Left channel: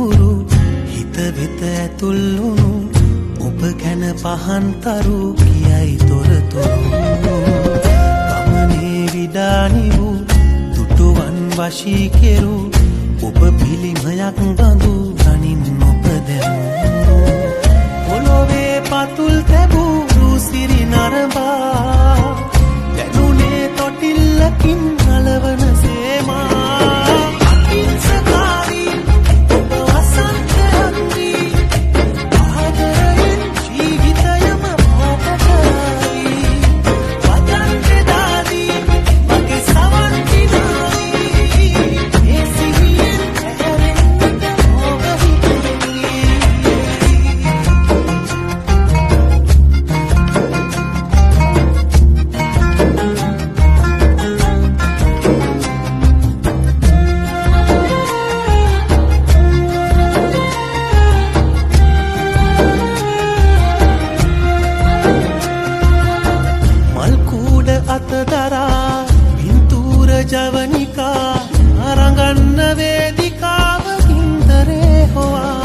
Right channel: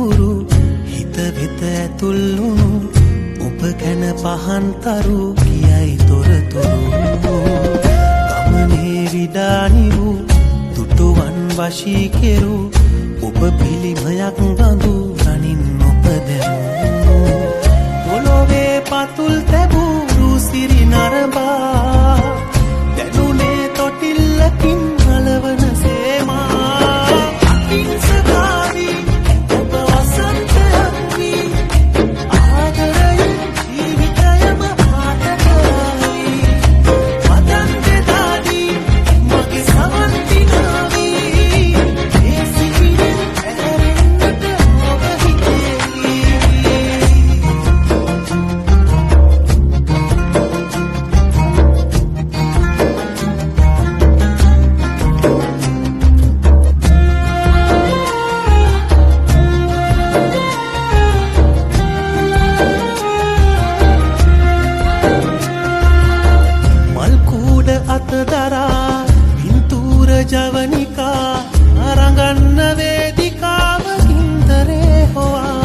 අහුරු හිත වෙත ඇතුල්ලුණු ඔබ ගැන පහන්තරු කියයි තොරතුරු ගමනේ විඩානි වූ දුටුවන් වශී කෙරු ඔබ පිළිමයක් බඳු ගනින් ඔබ දැමු පොළොවේ පතුල් තැබූ රුසිරි නරඹා දැනුනේ තොටිල්ලකින් අලවන සේමා අතදරා පින්තූර ජවනිකා අරගන්න වේදිකාවකින්තරේ හොවා